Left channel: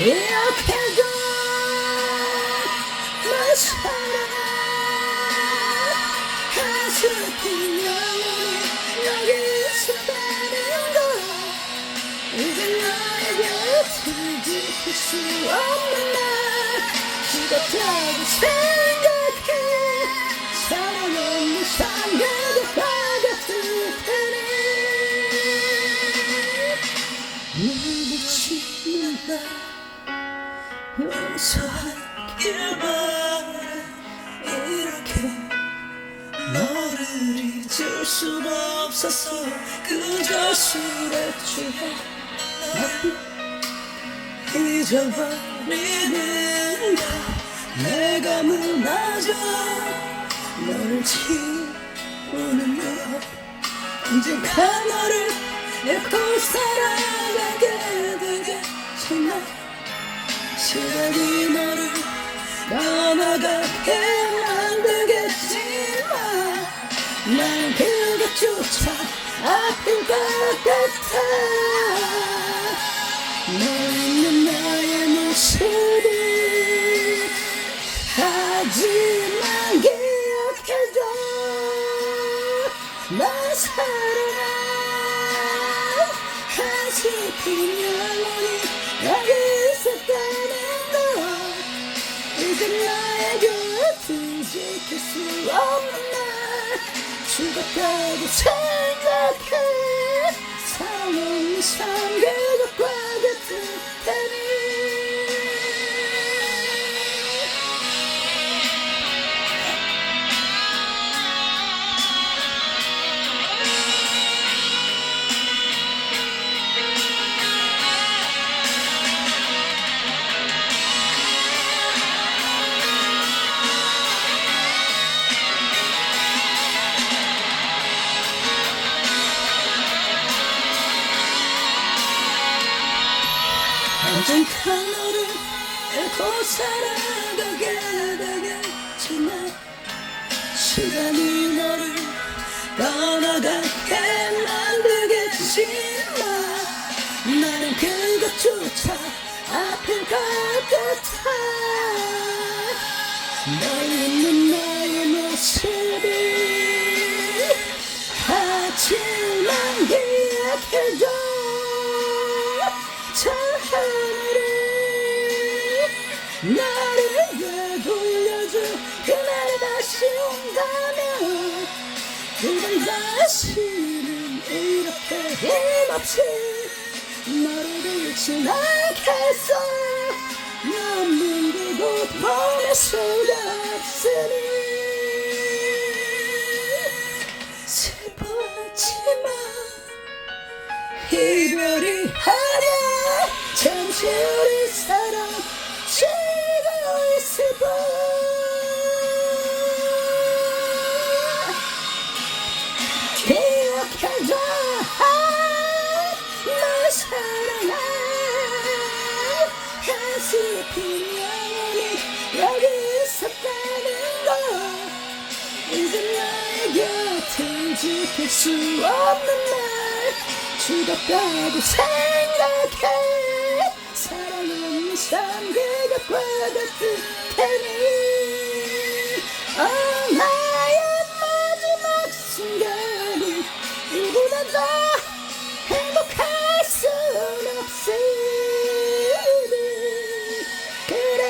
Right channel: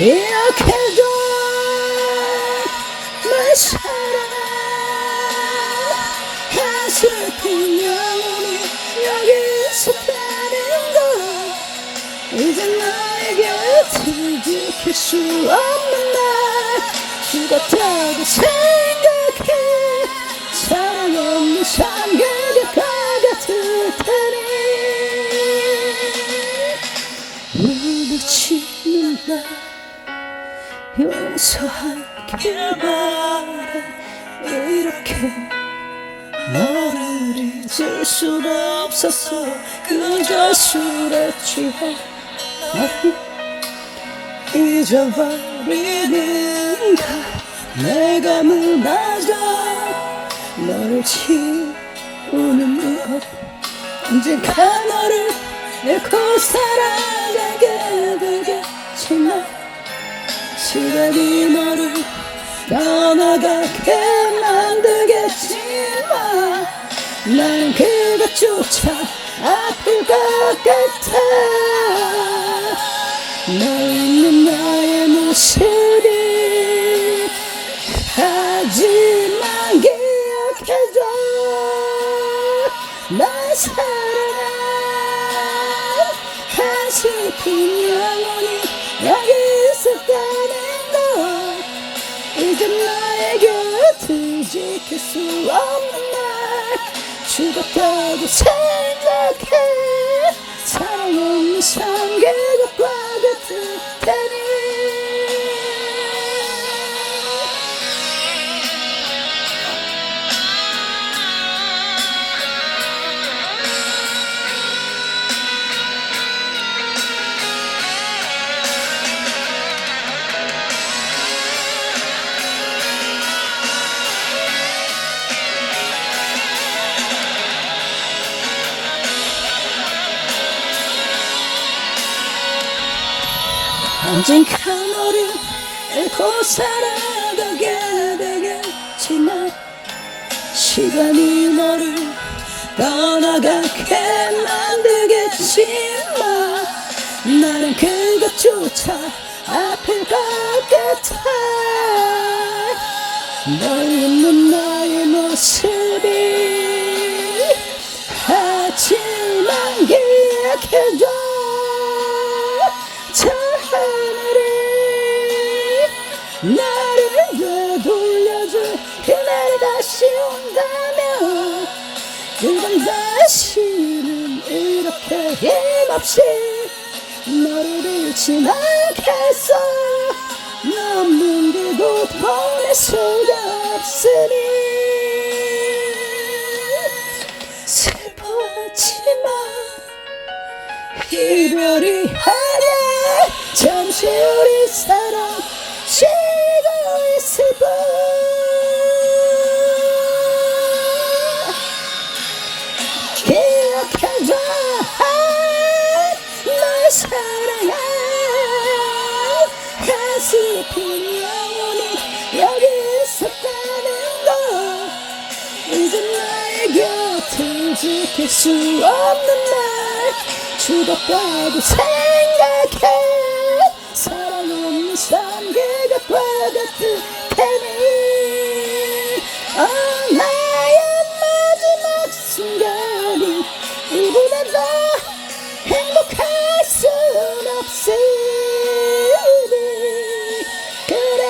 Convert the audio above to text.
기억해줘 내 사랑아 가슴이 영원히 여기서 가는 거 이제 나에게 지킬 수 없는 날 죽었다고 생각해 사랑 없는 삶과 같을 테니 부딪히는 날 용서하길 바래 이렇게 너를 잊을 수가 없었어 그저 술에 취해 너를 잊어버리는 걸 내가 무너져 너를 지우는 것 언젠가 너를 잃고 살아가게 되겠지만 시간이 너를 떠나가게 만들겠지만 난 그것조차 아플 것 같아 너 있는 나의 모습이 하지만 기억해줘 나 사랑아 가슴이 영원히 여기서 가는 거 이제 나의 곁을 지킬 수 없는 날 죽었다고 생각해 사랑 없는 삶 그것과 같을 테니 언젠가 너를 잃고 살아가게 되겠지만 시간이 너를 떠나가게 만들겠지만 나는 그것조차 아플 것 같아 너 있는 나의 모습이 하지만 기억해줘 나를 되돌려줘 그날이 다시 온다면 그건 다시는 이렇게 힘없이 너를 잃지 않겠어 너 없는 그곳 보낼 수가 없으니 슬퍼하지만 이별이 하네 잠시 우리 사랑 쉬고 있을 뿐 기억해줘 널 사랑해 가슴이 영원히 여기서 가는 거 이제 나의 곁을 지킬 수 없는 날 죽었다고 생각해 사랑 없는 삶 그것과 같을 테니 나의 마지막 순간이 이보다 더 행복할 순 없으니 그래